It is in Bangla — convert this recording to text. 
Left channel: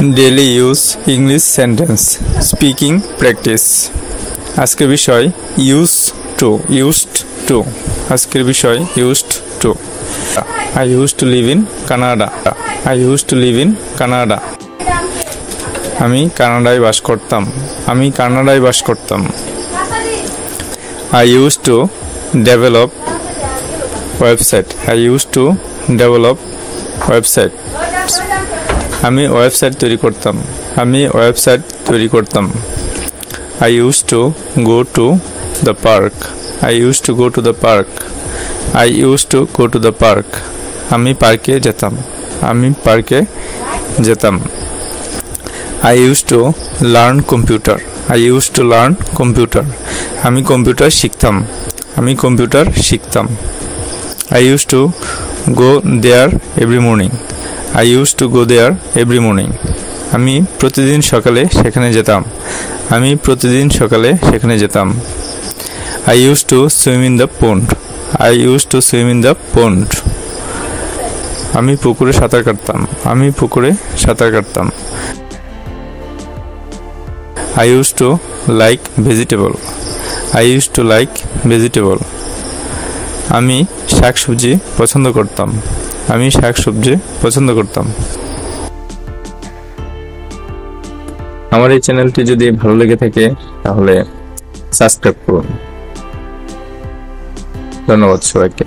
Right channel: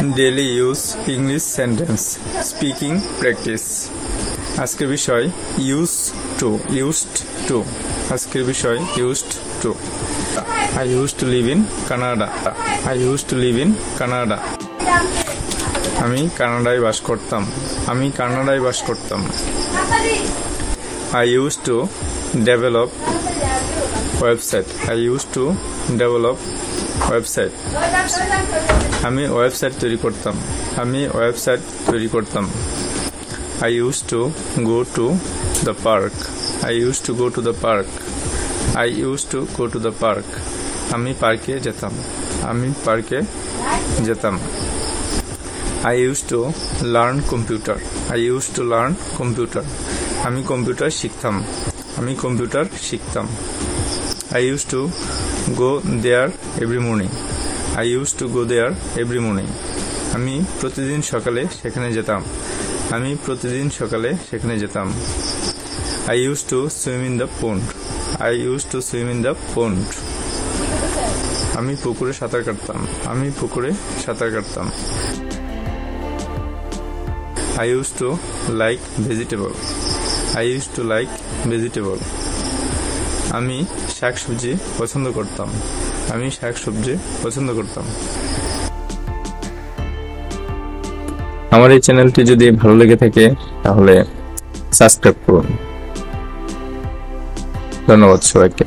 Daily use English sentence speaking practice আজকের বিষয় used to আজকের বিষয় used to I used to live in Canada আমি কানাডায় বাস করতাম I used to develop website আমি ওয়েবসাইট তৈরি করতাম I used to go to the park আমি পার্কে যেতাম I used to learn computer আমি কম্পিউটার শিখতাম I used to go there every morning আমি প্রতিদিন সকালে সেখানে যেতাম I used to swim in the pond আমি পুকুরে সাঁতার কাটতাম I used to like vegetable আমি শাকসবজি পছন্দ করতাম আমার এই চ্যানেলটি যদি ভালো লেগে থাকে তাহলে সাবস্ক্রাইব করুন। ধন্যবাদ সবাইকে।